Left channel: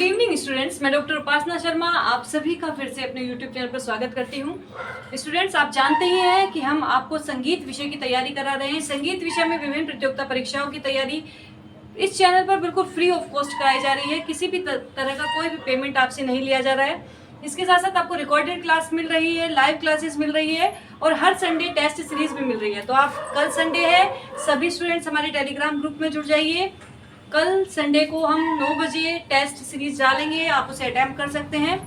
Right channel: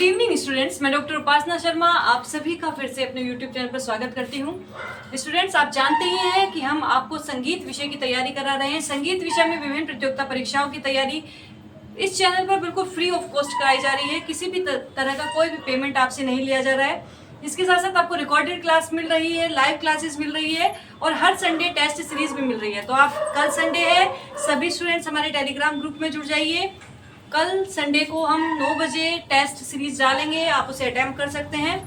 Good evening students, मैं doctor उपासना शर्मा आप सभी का फिर से अपने यूट्यूब चैनल पर स्वागत करती हूँ। स्टूडेंट्स, आप जानते ही हैं कि हम आपको संगीत विषय की तैयारी करा रहे हैं। संगीत विषय में विभिन्न प्रतियोगिता परीक्षाओं की तैयारी इस चैनल पर बिल्कुल फ्री ऑफ कॉस्ट कराई जा रही है। किसी भी तरह का कोई भी पेमेंट आपसे नहीं लिया जा रहा है। इसके साथ साथ आपको रिकॉर्डेड क्लास मिल रही है, लाइव क्लासेस मिल रही है और हर संडे टेस्ट सीरीज भी मिल रही है। तो आप कल संडे है, सभी स्टूडेंट्स हमारे टेलीग्राम ग्रुप में जुड़ जाइए। कल संडे को हम 9 बजे टेस्ट सीरीज डालेंगे, आप उसे अटेम्प्ट कर सकते हैं।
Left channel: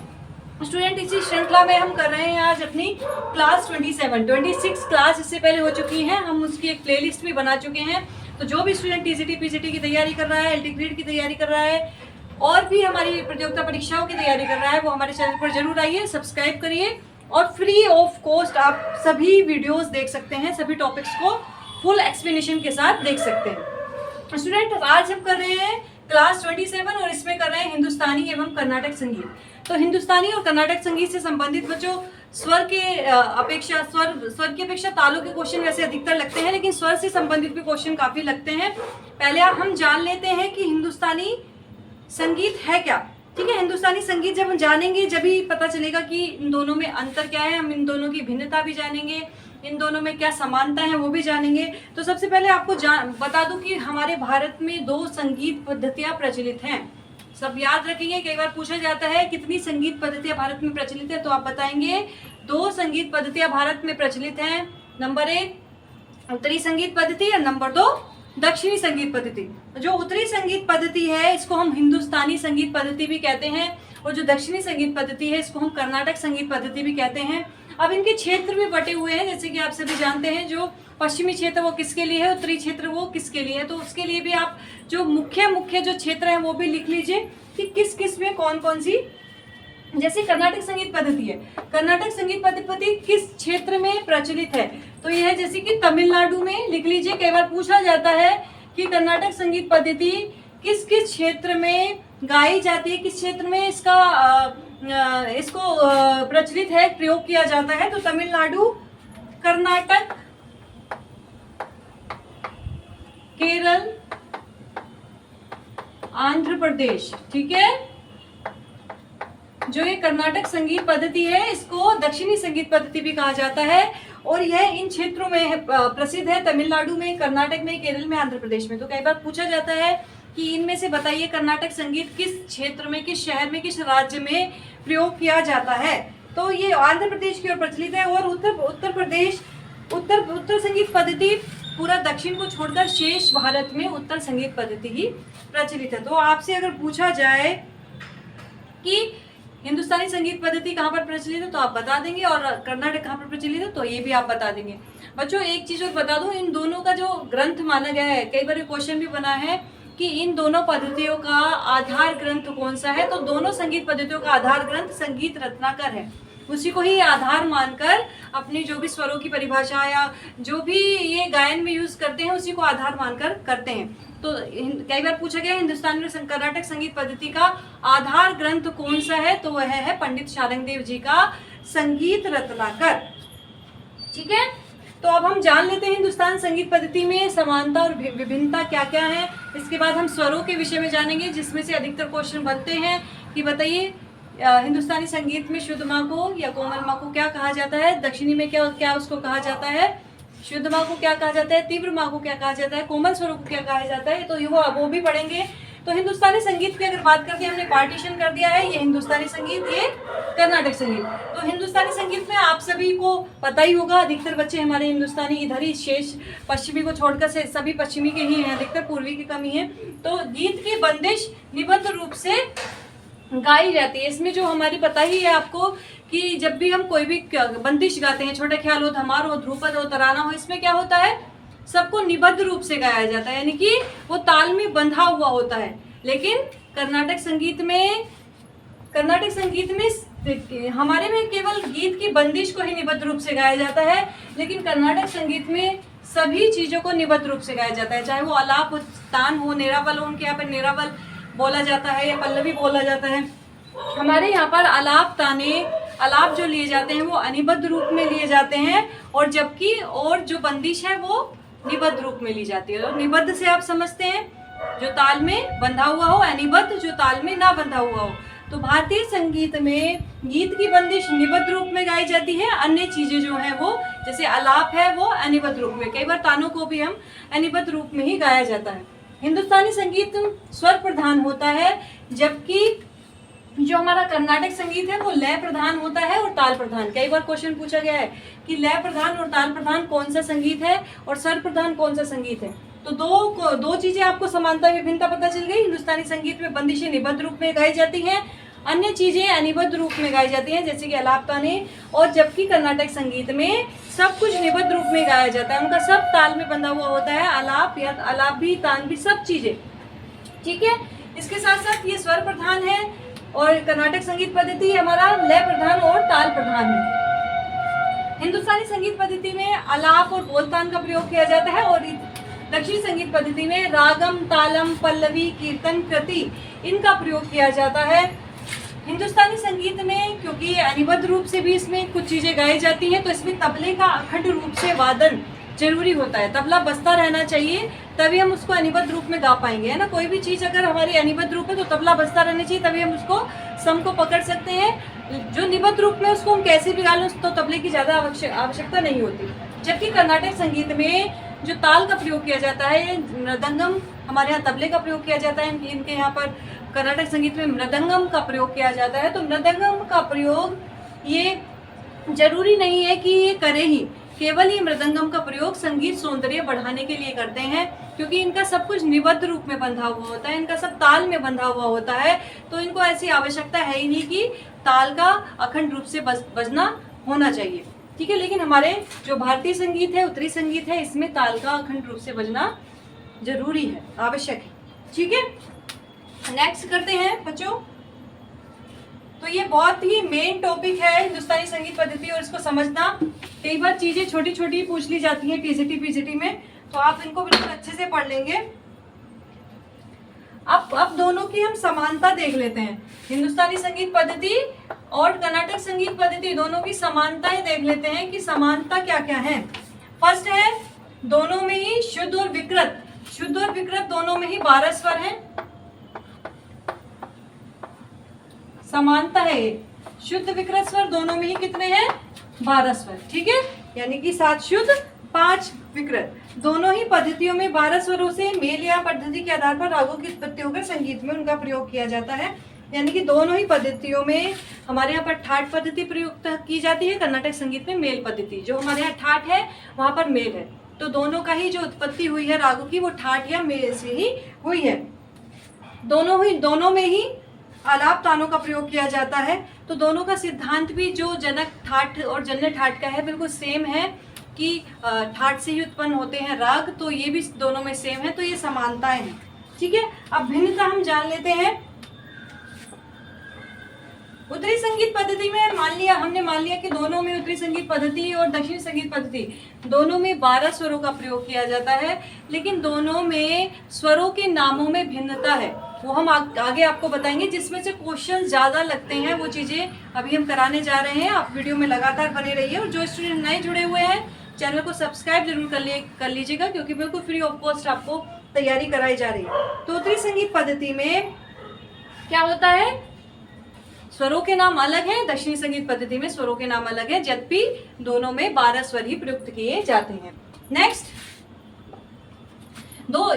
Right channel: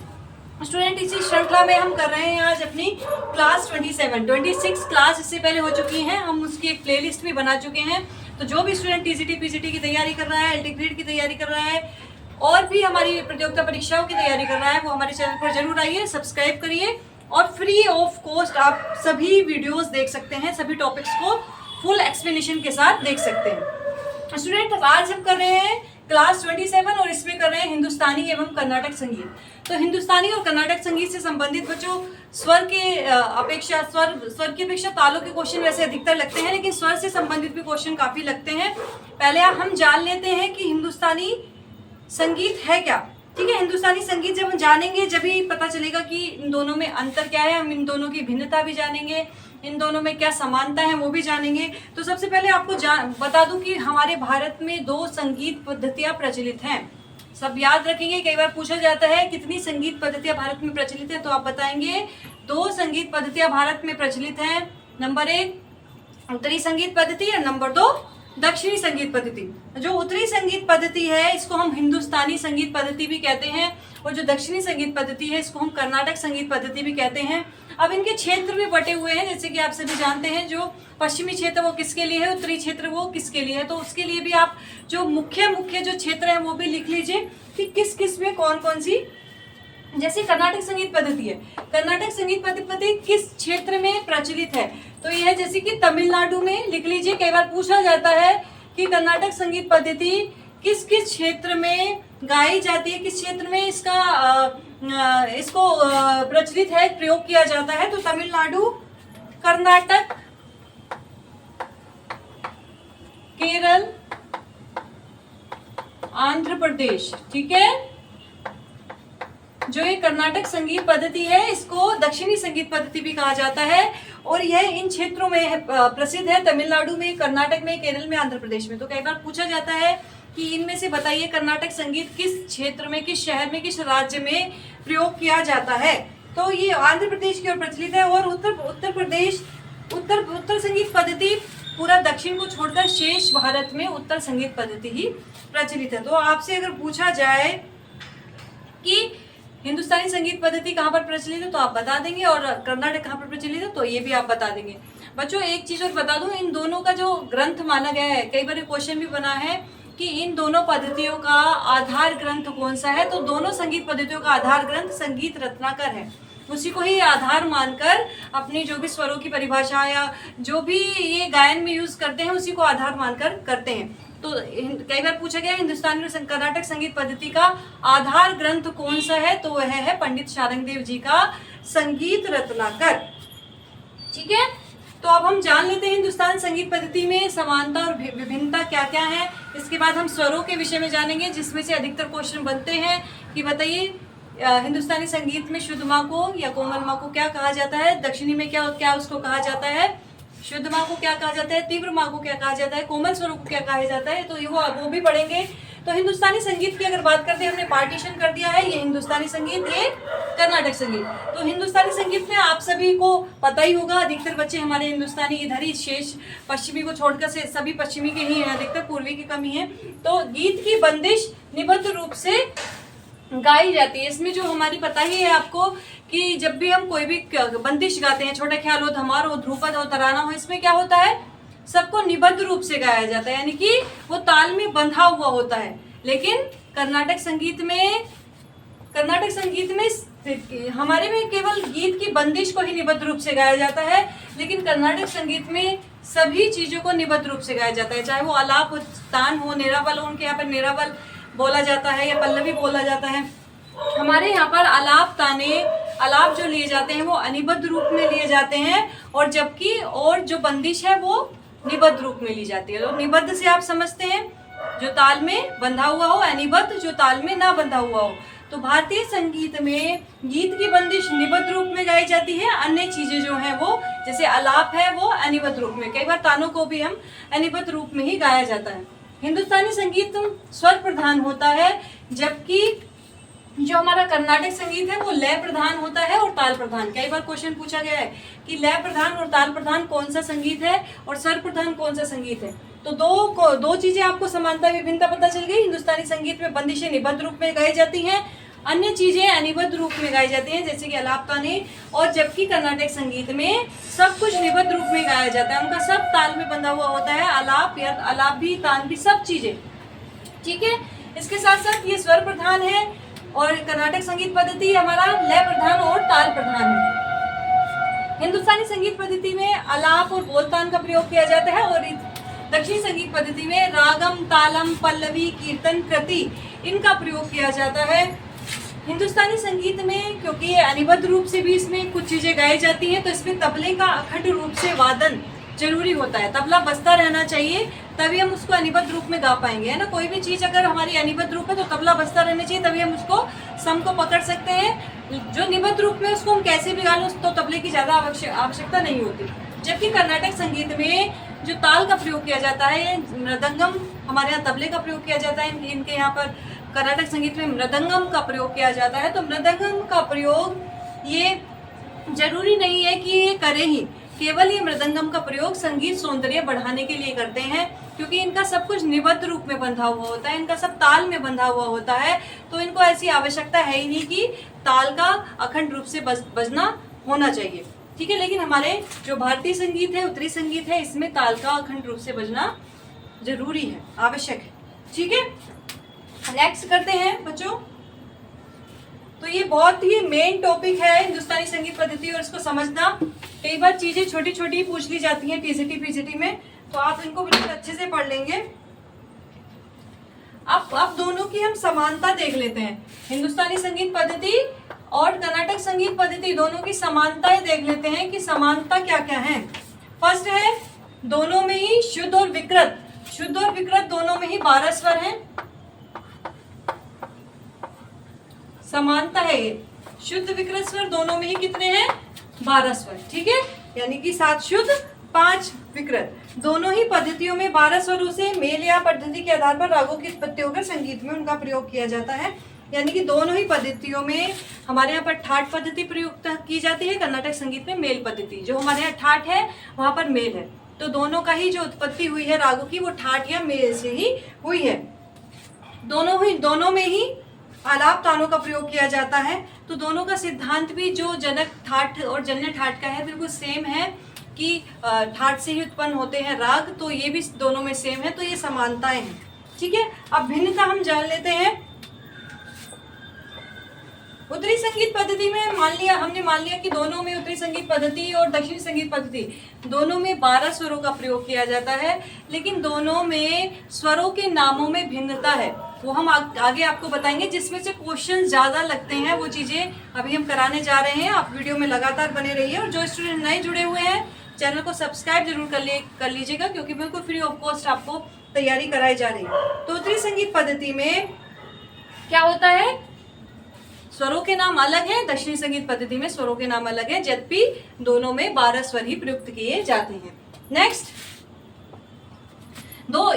स्टूडेंट, इसी श्रृंखला में हम कर रहे हैं आज अपनी क्लास 26 क्लास इससे पहले हो चुकी हैं। हम उसकी एक प्लेलिस्ट भी बना चुके हैं। तो जो भी स्टूडेंट टीजीटी पीजीटी की तैयारी कर रहा है, एलटी ग्रेड की तैयारी कर रहा है और भी हमारी प्रतियोगिता परीक्षाओं की तैयारी कर रहा है, वो हमारे चैनल पर जरूर आइए, सब्सक्राइब करिए और फ्री ऑफ कॉस्ट आप सभी वीडियोज देख सकते हैं। सभी टॉपिक्स को फुल एक्सप्लेनेशन के साथ देख सकते हैं। स्टूडेंट, आज हम कर रहे हैं क्लास 27 और इसमें कर रहे हैं हिंदुस्तानी एवं कर्नाटक संगीत। तो हिंदुस्तानी और कर्नाटक संगीत से संबंधित बच्चों स्वर की अपेक्षा तालों के क्वेश्चन वैसे अधिकतर लगते हैं, लेकिन स्वर से संबंधित भी क्वेश्चन काफी लगते हैं। पहले हम जान लेते हैं कि हिंदुस्तानी संगीत है क्या। ठीक है, हिंदुस्तानी संगीत जब हम जानेंगे जब ही पता चलेगा कि इन दोनों में अंतर क्या है। हम इन दोनों की भिन्नता भी जानेंगे, इन दोनों में क्या समानता है वो भी जानेंगे। तो सबसे पहले आपको बता दूं कि हमारे भारत में 2 संगीत पद्धतियां प्रचलित हैं। सब याद रखेंगे, कई बार पूछा जाता है कितनी संगीत पद्धतियां भारत में प्रचलित है, तो आप बताएंगे 2 संगीत पद्धतियां भारत में प्रचलित हैं। नंबर 1 उत्तरी संगीत पद्धति और नंबर 2 दक्षिणी संगीत पद्धति। जो उत्तरी संगीत पद्धति है इसको हम हिंदुस्तानी संगीत पद्धति भी कहते हैं और जो दक्षिणी संगीत पद्धति है इसको हम कर्नाटक संगीत पद्धति भी कहते हैं। अब इनके क्षेत्र भी बटे हुए हैं, जैसे कि आप सभी जानते हैं। जो पश्चिमी क्षेत्र वो किसके लिए है, उत्तरी क्षेत्र वो किसके लिए है। तो उसके लिए भी आप जो मुख्य जो क्षेत्र है वो भी लिख लीजिए कि किस किस में कौन कौन सी। जैसे कर्नाटक संगीत पद्धति है, कर्नाटक संगीत पद्धति किस क्षेत्र में प्रचलित है, तो यह है जैसे कि तमिलनाडु में लिख लीजिए। कई बार पूछा जाता है कि कर्नाटक संगीत पद्धति किस किस क्षेत्र में गाई जाती है, किस क्षेत्र में इसको प्रचलित है, प्रयोग किया जाता है। तो तमिलनाडु, कर्नाटक, केरल, आंध्र प्रदेश। ठीक है, जो ये कर्नाटक संगीत पद्धति है इसको दक्षिणी संगीत पद्धति भी कहा जाता है और यह इन क्षेत्रों में प्रसिद्ध है। तमिलनाडु में, कर्नाटक में, केरल में, आंध्र प्रदेश में। तो कई बार पूछा जाता है कि इनमें से बताइए कर्नाटक संगीत किस क्षेत्र में, किस शहर में, किस राज्य में प्रयोग किया जाता है। तो ये आंध्र प्रदेश की ओर प्रचलित है और उत्तर संगीत पद्धति पूरा दक्षिण को छोड़कर शेष भारत में उत्तर संगीत पद्धति ही प्रचलित है। तो आपसे अगर पूछा जाए कि हिंदुस्तानी संगीत पद्धति कहाँ पर प्रचलित है तो आप बता देंगे और कर्नाटक कहाँ पर प्रचलित है तो ये भी आप बता देंगे। बच्चों, एक चीज और बता दूं, इन दोनों का जो ग्रंथ माना गया है, कई बार क्वेश्चन भी बना है कि इन दोनों पद्धतियों का आधार ग्रंथ कौन सा है। तो दोनों संगीत पद्धतियों का आधार ग्रंथ संगीत रत्नाकर है। उसी को ही आधार मानकर अपनी जो भी स्वरों की परिभाषा या जो भी ये गायन में यूज करते हैं उसी को आधार मानकर करते हैं। तो कई बार पूछा गया हिंदुस्तानी और कर्नाटक संगीत पद्धति का आधार ग्रंथ कौन सा है, तो वह है पंडित शारंगदेव जी का संगीत रत्नाकर। ठीक है, तो अब हम जान लेते हैं हिंदुस्तान संगीत पद्धति में समानता और विभिन्नता क्या क्या है। इसके बाद हम स्वरों के विषय में जानेंगे, जिसमें से अधिकतर क्वेश्चन बनते हैं कि बताइए हिंदुस्तानी संगीत में शुद्ध माँ को या कोमल माँ को क्या कहा जाता है, दक्षिणी में क्या उसको कहा जाता है, शुद्ध माँ को क्या कहा जाता है, तीव्र माँ को क्या कहा जाता है, कोमल स्वरों को क्या कहा जाता है। तो वो भी पढ़ेंगे। तो हिंदुस्तानी संगीत की अगर बात करते हैं, हमने पार्टीशन कर दिया है, ये हिंदुस्तानी संगीत, ये कर्नाटक संगीत। तो हिंदुस्तानी संगीत में आप सभी को पता ही होगा, अधिकतर बच्चे हमारे हिंदुस्तानी इधर ही, शेष पश्चिमी को छोड़कर से सभी पश्चिमी के ही हैं, अधिकतर पूर्वी की कमी है। तो गीत की बंदिश निबद्ध रूप से गाई जाती है। इसमें जो हमारी पता ही है आपको कि जब भी हम कोई भी बंदिश गाते हैं, छोटा ख्याल हो, धमार हो, ध्रुपद हो, तराना हो, इसमें क्या होता है, सबको निबद्ध रूप से गाया जाता है, यानी कि वो ताल में बंधा हुआ होता है। लेकिन कर्नाटक संगीत में हमारे में केवल गीत की बंदिश को ही निबद्ध रूप से गाया जाता है, लेकिन कर्नाटक संगीत में सभी चीजों को निबद्ध रूप से गाया जाता है, चाहे वो आलाप हो, तान हो, निरावल हो। उनके यहाँ पर निरावल बोला जाता है या पल्लवी बोला जाता है। हमारे यहाँ पर आलाप जो लिए जाते हैं वो अनिबद्ध रूप में लिए जाते हैं और जबकि जो बंदिश है वो निबद्ध रूप में ली जाती है। तो निबद्ध से आप समझते हैं जो ताल में बंधा हुआ हो, अनिबद्ध जो ताल में ना बंधा हुआ हो। तो भारतीय संगीत में गीत की बंदिश निबद्ध रूप में गाई जाती है, अन्य चीजें जो हैं वो जैसे आलाप है वो अनिबद्ध रूप में, कई बार तानों को भी हम अनिबद्ध रूप में ही गाया जाता है। हिंदुस्तानी संगीत स्वर प्रधान होता है, जबकि जो हमारा कर्नाटक संगीत है वो लय प्रधान होता है और ताल प्रधान। कई बार क्वेश्चन पूछा गया है कि लय प्रधान और ताल प्रधान कौन सा संगीत है और स्वर प्रधान कौन सा संगीत है। तो दो चीजें आपको समानता विभिन्नता पता चल गई। हिंदुस्तानी संगीत में बंदिशें निबद्ध रूप में गाई जाती हैं, अन्य चीजें अनिबद्ध रूप में गाई जाती हैं जैसे कि आलाप ताने, और जबकि कर्नाटक संगीत में सब कुछ निबद्ध रूप में गाया जाता है, उनका सब ताल में बंधा हुआ होता है, आलाप या आलाप भी तान भी सब चीजें। ठीक है, इसके साथ साथ ये स्वर प्रधान है और कर्नाटक संगीत पद्धति हमारा लय प्रधान और ताल प्रधान है। हिंदुस्तानी संगीत पद्धति में आलाप और बोलतान का प्रयोग किया जाता है और दक्षिणी संगीत पद्धति में रागम, तालम, पल्लवी, कीर्तन, कृति इनका प्रयोग किया जाता है। हिंदुस्तानी संगीत में क्योंकि ये अनिबद्ध रूप से भी इसमें कुछ चीजें गाई जाती हैं, तो इसमें तबले का अखंड रूप से वादन जरूरी होता है, तबला बजता रहना चाहिए, तभी हम उसको अनिबद्ध रूप में गा पाएंगे, है ना। कोई भी चीज अगर हमारी अनिबद्ध रूप है तो तबला बजता रहना चाहिए, तभी हम उसको सम को पकड़ सकते हैं। जो निबद्ध रूप में उसको हम कैसे भी गा लें तो तबले की ज्यादा आवश्यकता नहीं होती। जबकि कर्नाटक संगीत में जो ताल का प्रयोग किया जाता है, मृदंगम, हमारे यहाँ तबले का प्रयोग किया जाता है, इनके यहाँ पर कर्नाटक संगीत में मृदंगम का प्रयोग किया जाता है। तो मृदंगम का प्रयोग ये जरूरी नहीं है कि ये करें ही, केवल ये मृदंगम का प्रयोग संगीत सौंदर्य बढ़ाने के लिए करते हैं, क्योंकि इनका सब कुछ निबद्ध रूप में बंधा हुआ होता है, इनका सब ताल में बंधा हुआ होता है, तो इनको ऐसी आवश्यकता है ही नहीं कि ताल का अखंड रूप से बजना होना चाहिए। ठीक है, लेकिन हमारे जो भारतीय संगीत है, उत्तरी संगीत है, इसमें ताल का अखंड रूप से बजना जरूरी है, आवश्यक है। ठीक है, नेक्स्ट करते हैं बच्चों। तो ये बहुत ही मेन टॉपिक है हिंदुस्तानी संगीत पद्धति, और इसको समझना, कई बार चीजें छोटी छोटी पूछ ली जाती हैं टीसीटी पीजीटी में, तो आप इनको बिल्कुल अच्छे से पढ़ लेंगे। अब दोनों की हम समानता देख लेते हैं, हिंदुस्तानी संगीत पद्धति और कर्नाटक संगीत पद्धति दोनों की समानताएं देख लेते हैं कि समानता क्या क्या है। फर्स्ट है दोनों में ही शुद्ध और विकृत, शुद्ध और विकृत दोनों में ही 12 स्वर हैं। समानता है ये, शुद्ध विकृत स्वर दोनों में ही कितने हैं? 12 स्वर। ठीक है, यानी कि 7 शुद्ध 5 विकृत, दोनों ही पद्धतियों में 12 स्वरों से मेल या पद्धति के आधार पर रागों की उत्पत्ति होकर संगीत में उनका प्रयोग किया जाता है। यानी कि दोनों ही पद्धतियों में हमारे यहाँ पर ठाट पद्धति प्रयुक्त की जाती है, कर्नाटक संगीत में मेल पद्धति। जो हमारे यहाँ ठाट है वहां पर मेल है, तो दोनों का ही जो उत्पत्ति हुई है रागों की वो ठाट या मेल से ही हुई है। दोनों में ही आलाप तानों का प्रयोग किया जाता है। तो दोनों का सिद्धांत भी जो जनक ठाट और जन्य ठाट का है बिल्कुल सेम है कि ठाट से ही उत्पन्न होते हैं राग, तो ये भी दोनों में सेम है, तो ये समानताएं हैं। ठीक है, अब भिन्नता हम जान लेते हैं। उत्तरी संगीत पद्धति में हमने मान लिया कि दोनों में, उत्तरी संगीत पद्धति और दक्षिणी संगीत पद्धति दोनों में 12 स्वरों का प्रयोग किया जाता है, लेकिन दोनों में स्वरों के नामों में भिन्नता है, वो हम आगे आपको बताएंगे। जिसमें से क्वेश्चन ज्यादा लगते हैं वो चीजें अभी हम कराने जा रहे हैं। आप वीडियो में लगातार बने रहिए, और जो स्टूडेंट नए जुड़े हुए हैं चैनल को सब्सक्राइब जरूर कर लीजिएगा, क्योंकि बिल्कुल फ्री ऑफ कॉस्ट आपको तैयारी कराई जा रही है। तो उत्तरी संगीत पद्धति में क्या होता है, स्वरों के नाम अलग हैं, दक्षिणी संगीत पद्धति में स्वरों के नाम अलग हैं, यद्यपि दोनों में 12 स्वर ही प्रयुक्त किए जाते हैं। नेक्स्ट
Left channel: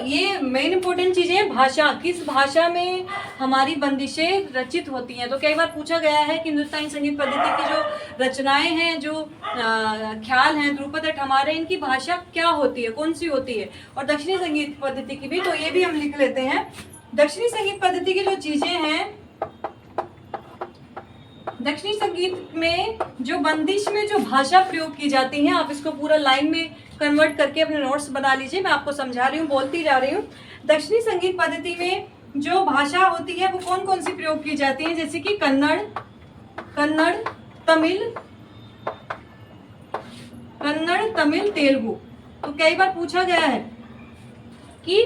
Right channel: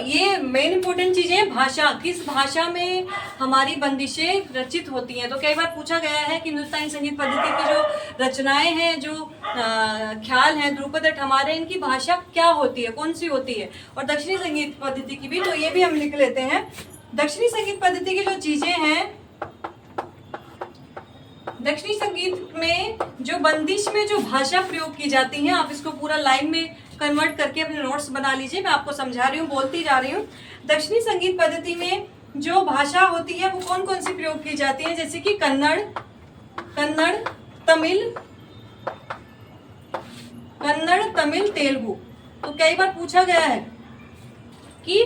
ये मेन इंपॉर्टेंट चीजें हैं। भाषा, किस भाषा में हमारी बंदिशें रचित होती हैं। तो कई बार पूछा गया है कि हिंदुस्तानी संगीत पद्धति की जो रचनाएं हैं, जो ख्याल हैं, ध्रुपद हमारे, इनकी भाषा क्या होती है, कौन सी होती है, और दक्षिणी संगीत पद्धति की भी, तो ये भी हम लिख लेते हैं। दक्षिणी संगीत पद्धति की जो चीजें हैं, दक्षिणी संगीत में जो बंदिश में जो भाषा प्रयोग की जाती है, आप इसको पूरा लाइन में कन्वर्ट करके अपने नोट्स बना लीजिए, मैं आपको समझा रही हूँ, बोलती जा रही हूँ। दक्षिणी संगीत पद्धति में जो भाषा होती है वो कौन कौन सी प्रयोग की जाती है, जैसे कि कन्नड़, तमिल, तेलुगु। तो कई बार पूछा गया है कि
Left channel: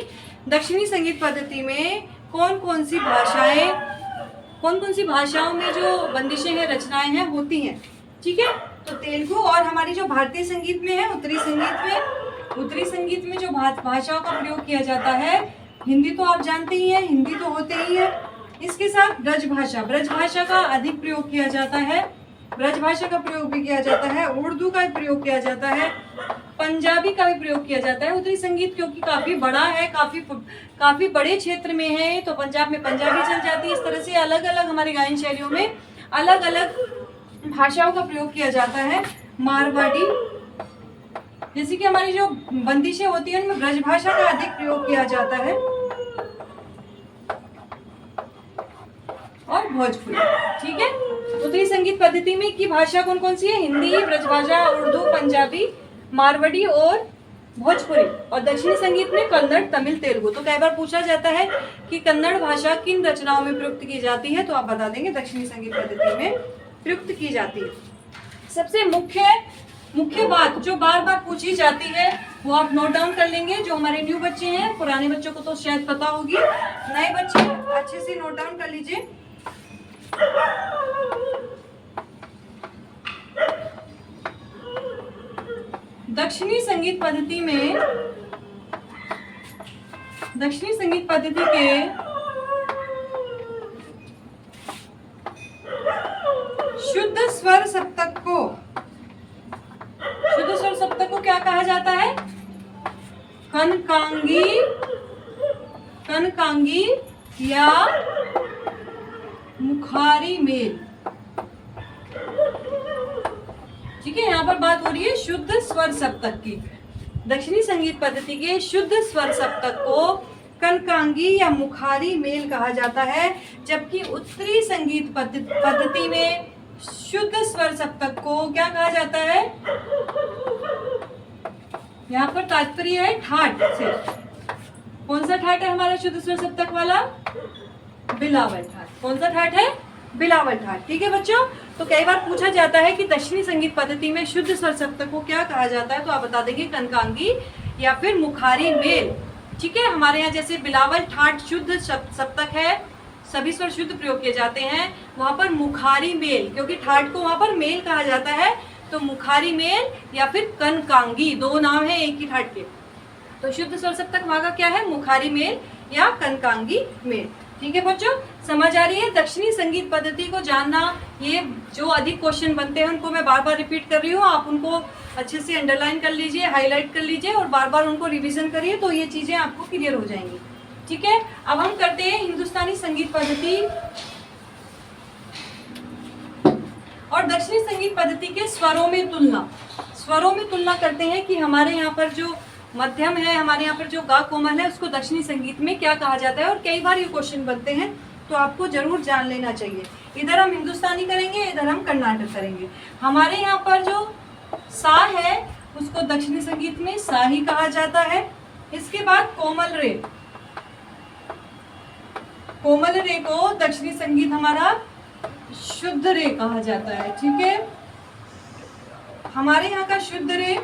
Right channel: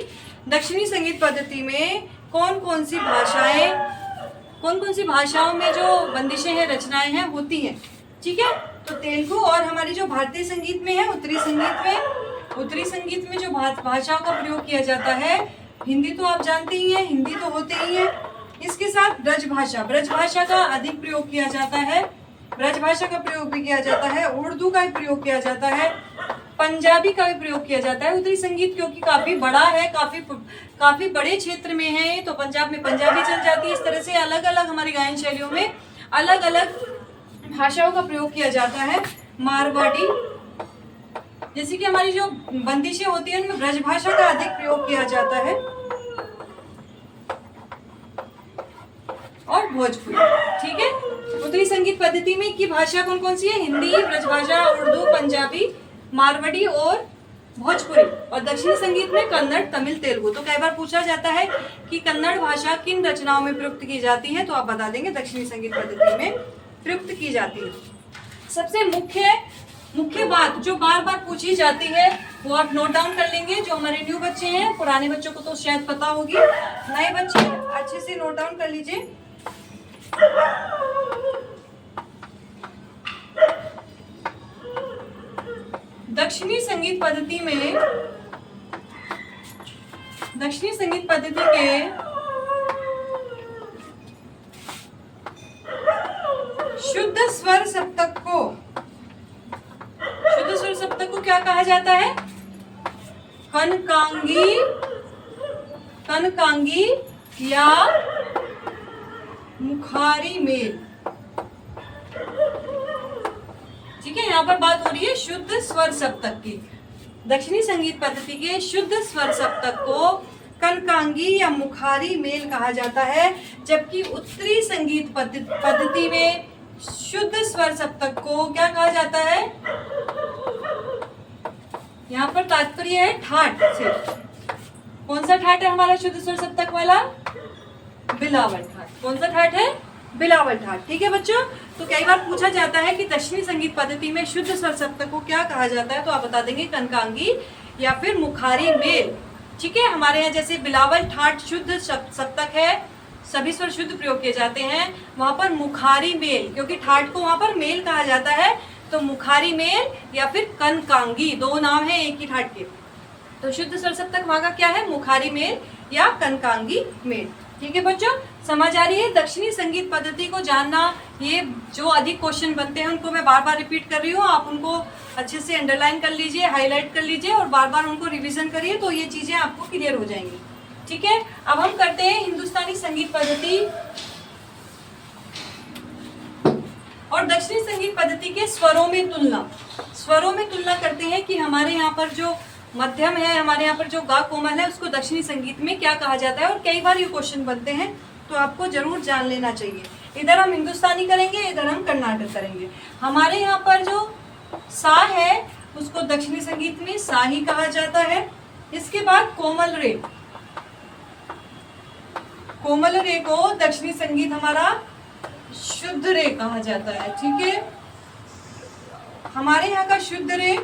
दक्षिणी संगीत पद्धति में कौन कौन सी भाषाओं में जो बंदिशें हैं, रचनाएं हैं, होती हैं। ठीक है, तो तेलुगु, और हमारी जो भारतीय संगीत में है, उत्तरी संगीत में जो भाषाओं का प्रयोग किया जाता है हिंदी तो आप जानते ही हैं, हिंदी तो होते ही है। इसके साथ ब्रज भाषा, ब्रज भाषा का अधिक प्रयोग किया जाता है, ब्रज भाषा का प्रयोग भी किया जाता है, उर्दू का भी प्रयोग किया जाता है, पंजाबी का भी प्रयोग किया जाता है। उत्तरी संगीत क्योंकि काफी बड़ा है, काफी बड़े क्षेत्र में है, तो पंजाब में पंजाबी चल जाती है। इस तरह से अलग अलग हमारी गायन शैलियों में अलग अलग भाषाओं का प्रयोग किया जाता है। मारवाड़ी, जैसे कि हमारी जो बंदिशें होती हैं उनमें ब्रज भाषा का अधिक प्रयोग किया जाता है, और भोजपुरी। ठीक है, उत्तरी संगीत पद्धति में की भाषा कौन कौन सी है? हिंदी, ब्रजभाषा, उर्दू, पंजाबी, मारवाड़ी और भोजपुरी। और दक्षिणी संगीत में कन्नड़, तमिल, तेलुगु। तो कई बार पूछा जाता है कि कन्नड़ भाषा किन रचनाओं में प्रयुक्त की जाती है, तो आप बता देंगे दक्षिणी संगीत पद्धति में प्रयुक्त की जाती है। सबसे मुख्य बात जो बार बार पूछी जाती है वो आप नोट डाउन कर लेंगे। जो हमारे न्यू बच्चे हैं, पुराने बच्चों को तो शायद पता होगी, नए बच्चे अच्छे से नोट डाउन कर लीजिए। दक्षिणी संगीत पद्धति के शुद्ध स्वर सप्तक को क्या कहा जाता है? कनकांगी या मुखारी मेल। ठीक है, यहाँ पर बात हो रही है शुद्ध स्वर सप्तक की। दक्षिणी संगीत पद्धति के शुद्ध स्वर सप्तक को कनकांगी या मुखारी मेल कहा जाता है, जबकि उत्तरी संगीत पद्धति में शुद्ध स्वर सप्तक को क्या कहा जाता है? यहाँ पर तात्पर्य है ठाट से। कौन सा ठाट है हमारा शुद्ध स्वर सप्तक वाला? बिलावल ठाट। कौन सा ठाट है? बिलावल ठाट। ठीक है बच्चों, तो कई बार पूछा जाता है कि दक्षिणी संगीत पद्धति में शुद्ध स्वर सप्तक को क्या कहा जाता है, तो आप बता देंगे कनकांगी या फिर मुखारी मेल। ठीक है, हमारे यहाँ जैसे बिलावल ठाट शुद्ध सप्तक है, सभी स्वर शुद्ध प्रयोग किए जाते हैं, वहां पर मुखारी मेल, क्योंकि ठाट को वहां पर मेल कहा जाता है, तो मुखारी मेल या फिर कनकांगी, दो नाम है एक ही ठाट के। तो शुद्ध स्वर सप्तक वहां का क्या है? मुखारी मेल या कनकांगी मेल। ठीक है बच्चों, समझ आ रही है? दक्षिणी संगीत पद्धति को जानना, ये जो अधिक क्वेश्चन बनते हैं उनको मैं बार बार रिपीट कर रही हूँ, आप उनको अच्छे से अंडरलाइन कर लीजिए, हाईलाइट कर लीजिए और बार बार उनको रिवीजन करिए, तो ये चीजें आपको क्लियर हो जाएंगी। ठीक है, अब हम करते हैं हिंदुस्तानी संगीत पद्धति और दक्षिणी संगीत पद्धति के स्वरों में तुलना करते हैं कि हमारे यहाँ पर जो मध्यम है, हमारे यहाँ पर जो गा कोमल है, उसको दक्षिणी संगीत में क्या कहा जाता है। और कई बार ये क्वेश्चन बनते हैं, तो आपको जरूर जान लेना चाहिए। इधर हम हिंदुस्तानी करेंगे, इधर हम कर्नाटक करेंगे। हमारे यहाँ पर जो सा है उसको दक्षिणी संगीत में सा ही कहा जाता है। इसके बाद कोमल रे को दक्षिणी संगीत हमारा शुद्ध रे कहा जाता है। ठीक है, हमारे यहाँ का शुद्ध रे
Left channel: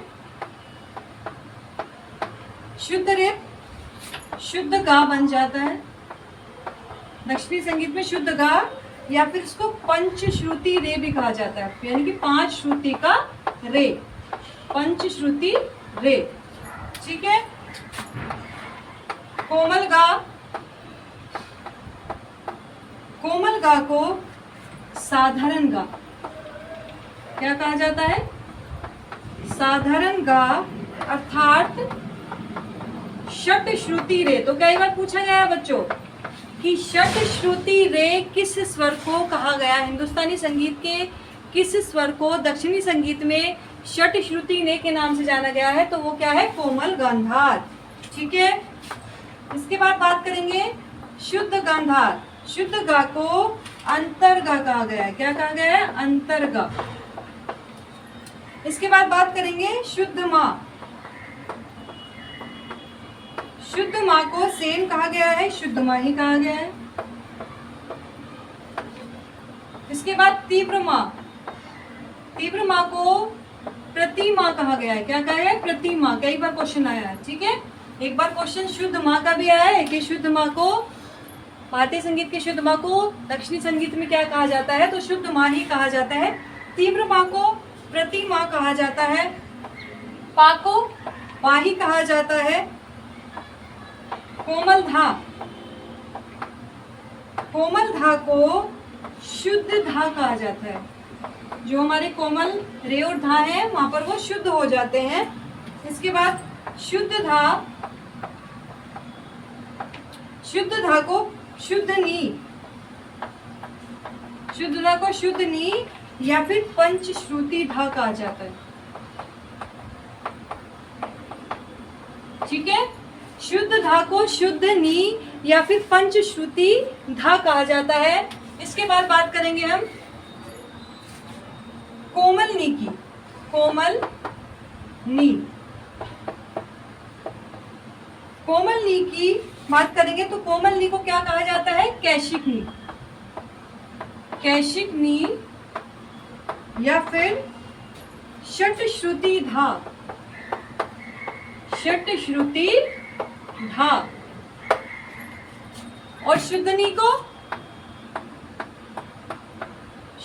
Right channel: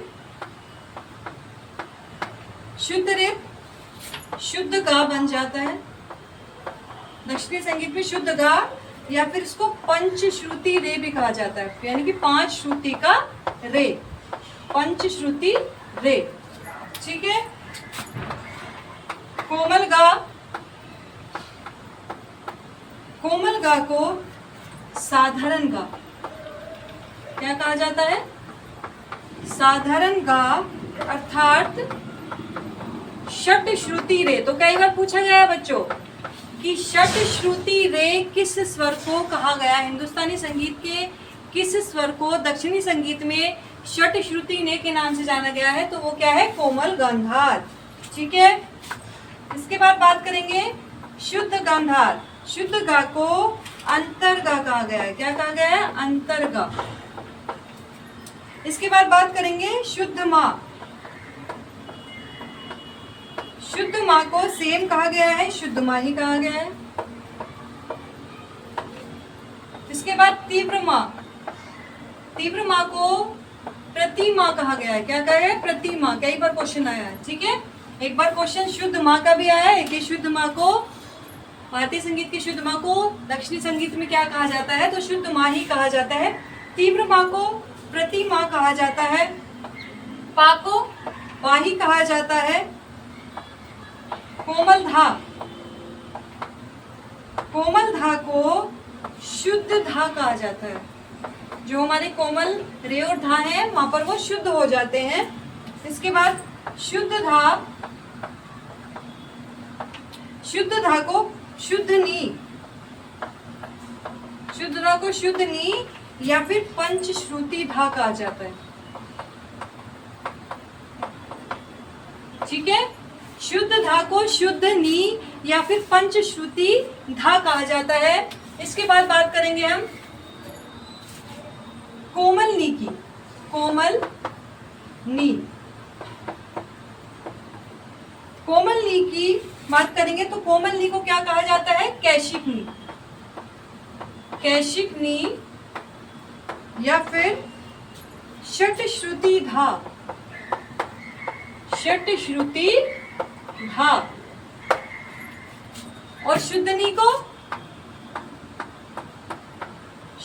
शुद्ध गा बन जाता है। दक्षिणी संगीत में शुद्ध गा या फिर इसको पंचश्रुति रे भी कहा जाता है, यानी कि 5 श्रुति का रे, पंचश्रुति रे। ठीक है, कोमल गा को साधारण गा क्या कहा जाता है? साधारण गा अर्थात षट श्रुति रे। तो कई बार पूछा गया है बच्चों कि षट श्रुति रे किस स्वर को कहा गया? हिंदुस्तानी संगीत के किस स्वर को दक्षिणी संगीत में षट श्रुति रे के नाम से जाना गया है? तो वो क्या है? कोमल गांधार। ठीक है, इसके बाद बात करेंगे शुद्ध गांधार। शुद्ध गा को अंतरगा कहा गया है। क्या कहा गया है? अंतरगा। इसके बाद बात करेंगे शुद्ध माँ। शुद्ध माँ को सेम कहा गया है, शुद्ध माँ ही कहा गया है। इसके बाद तीव्र माँ। तीव्र माँ को प्रतिमा कहा गया है। क्या कहा है? प्रतिमा। कई बार क्वेश्चन आया है। ठीक है, एक बार क्वेश्चन शुद्ध माँ का भी आया है कि शुद्ध माँ को, भारतीय संगीत के शुद्ध माँ को दक्षिणी संगीत में क्या कहा जाता है? तो शुद्ध माँ ही कहा जाता है। तीव्र माँ को प्रतिमा कहा जाता है। पा को पा ही कहा जाता है। कोमल धा, कोमल धा को शुद्ध धा कहा जाता है। जो हमारे कोमल रे और धा है वहां पर वो शुद्ध हो जाते हैं। इसके बाद शुद्ध धा, शुद्ध धा को शुद्ध नी, शुद्ध धा को शुद्ध नी या फिर पंचश्रुति धा कहा जाता है। ठीक है, शुद्ध धा को शुद्ध नी या फिर पंचश्रुति धा कहा जाता है। इसके बाद बात करेंगे हम कोमल नी की। कोमल नी, कोमल नी की बात करेंगे तो कोमल नी को क्या कहा जाता है? कैशिक नी, कैशिक नी या फिर षटश्रुति धा, षटश्रुति धा। और शुद्धनी को,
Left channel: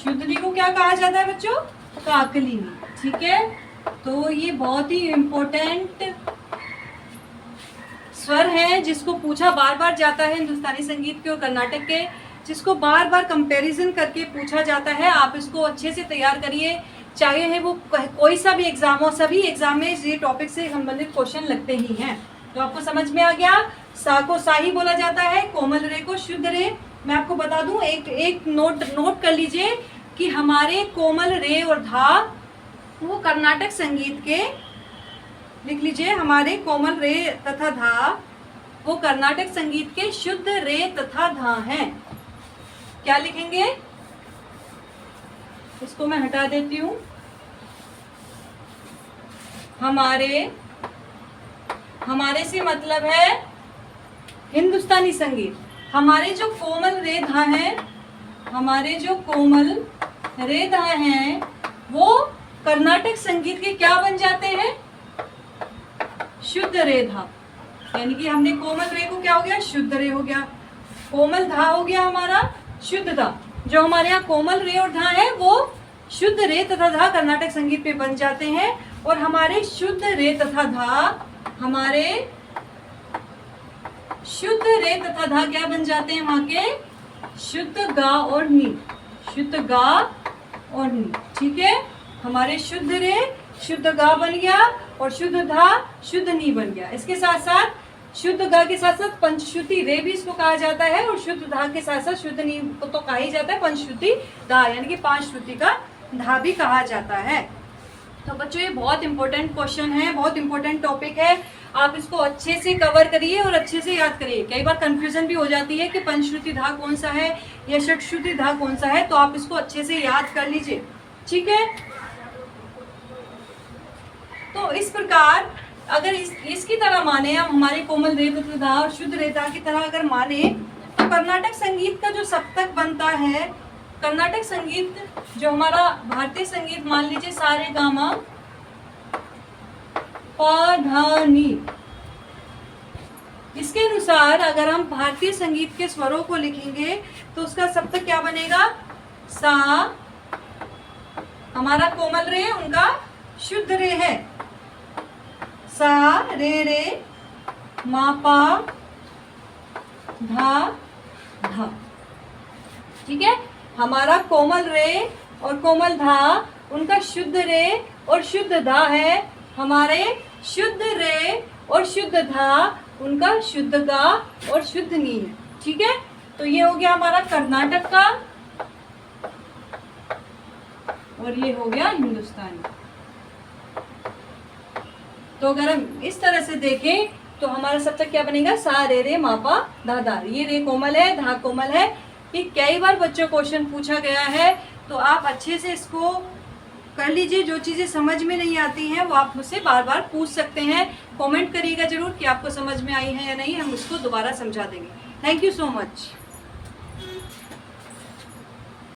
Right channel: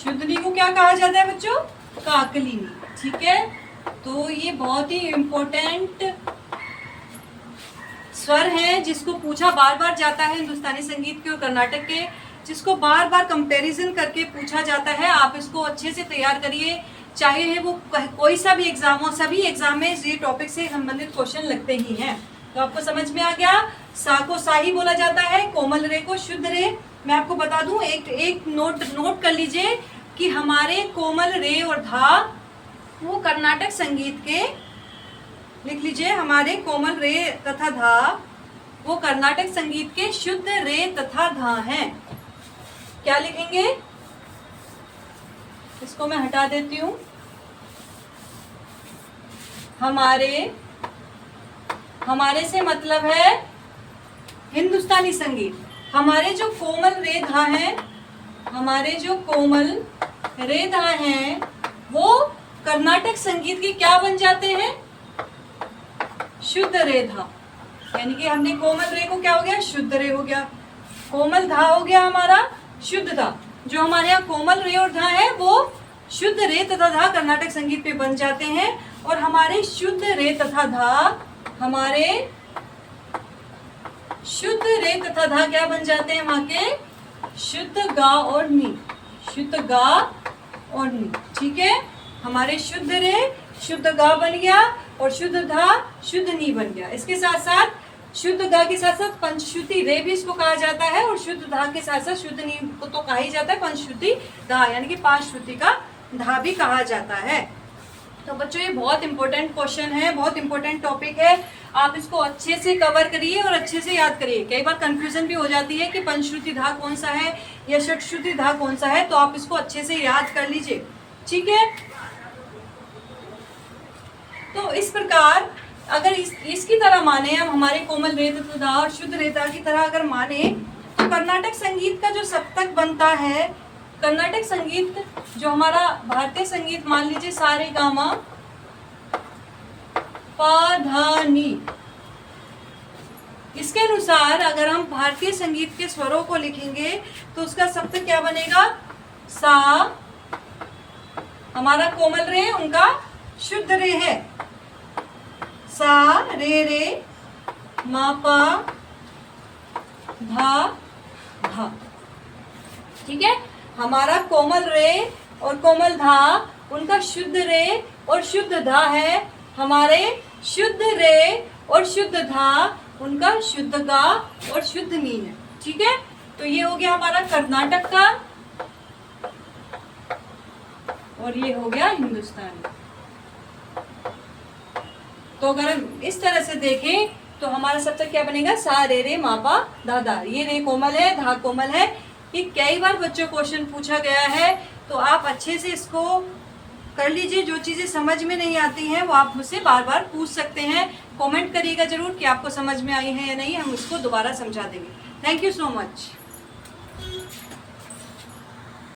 शुद्धनी को क्या कहा जाता है बच्चों? काकली नी। ठीक है, तो ये बहुत ही इंपॉर्टेंट स्वर है जिसको पूछा बार बार जाता है हिंदुस्तानी संगीत के और कर्नाटक के, जिसको बार बार कंपैरिजन करके पूछा जाता है। आप इसको अच्छे से तैयार करिए, चाहे है वो कोई सा भी एग्जाम हो, सभी एग्जाम में ये टॉपिक से संबंधित क्वेश्चन लगते ही हैं। तो आपको समझ में आ गया, सा को सा ही बोला जाता है, कोमल रे को शुद्ध रे। मैं आपको बता दूं, एक नोट कर लीजिए कि हमारे कोमल रे और धा वो कर्नाटक संगीत के, लिख लीजिए, हमारे कोमल रे तथा धा वो कर्नाटक संगीत के शुद्ध रे तथा धा हैं। क्या लिखेंगे? इसको मैं हटा देती हूं। हमारे से मतलब है हिंदुस्तानी संगीत। हमारे जो कोमल रे धा हैं, हमारे जो कोमल रे धा हैं वो कर्नाटक संगीत के क्या बन जाते हैं? शुद्ध रे धा। यानी कि हमने कोमल रे को क्या हो गया? शुद्ध रे हो गया। कोमल धा हो गया हमारा शुद्ध धा। जो हमारे यहाँ कोमल रे और धा है वो शुद्ध रे तथा धा कर्नाटक संगीत पे बन जाते हैं। और हमारे शुद्ध रे तथा धा, हमारे शुद्ध रे तथा धा क्या बन जाते हैं वहां के? शुद्ध गा और नी, शुद्ध गा और नी। ठीक है, हमारे शुद्ध रे शुद्ध गा बन गया और शुद्ध धा शुद्ध नी बन गया। इसके साथ साथ शुद्ध गा के साथ साथ पंचश्रुति रे भी इसको कहा जाता है और शुद्ध धा के साथ साथ शुद्ध नी को तो कहा ही जाता है पंचश्रुति धा, यानी कि 5 श्रुति का धा भी कहा जाता है। तो बच्चों ये बहुत इंपॉर्टेंट क्वेश्चन है, बहुत इंपॉर्टेंट टॉपिक है। आप इसको अच्छे से कवर करिए और अच्छे से याद करिए। कई बार कंफ्यूजन भी हो जाती है कि पंचश्रुति धा कौन सा है या षटश्रुति धा कौन सा है, तो आप इसको अच्छे से याद कर लीजिए। ठीक है, तो इस प्रकार अगर इसकी तरह माने हम, हमारे कोमल रे तथा धा और शुद्ध रे धा की तरह अगर माने, तो कर्नाटक संगीत का जो सप्तक बनता है, कर्नाटक संगीत जो हमारा भारतीय संगीत मान लीजिए सा रे गा मा पा धा नी, इसके अनुसार अगर हम भारतीय संगीत के स्वरों को लिखेंगे तो उसका सप्तक क्या बनेगा? सा, हमारा कोमल रे उनका शुद्ध रे है, सा रे रे मा पा धा धा। ठीक है, हमारा कोमल रे और कोमल धा उनका शुद्ध रे और शुद्ध धा है, हमारे शुद्ध रे और शुद्ध धा उनका शुद्ध गा और शुद्ध नी है। ठीक है, तो ये हो गया हमारा कर्नाटक का और ये हो गया हिंदुस्तानी। तो अगर हम इस तरह से देखें तो हमारा सप्तक क्या बनेगा? सा रे रे मा पा धा धा। ये रे कोमल है, धा कोमल है। ये कई बार बच्चों क्वेश्चन पूछा गया है, तो आप अच्छे से इसको कर लीजिए। जो चीज़ें समझ में नहीं आती हैं वो आप मुझसे बार बार पूछ सकते हैं। कमेंट करिएगा जरूर कि आपको समझ में आई है या नहीं, हम इसको दोबारा समझा देंगे। Thank you so much.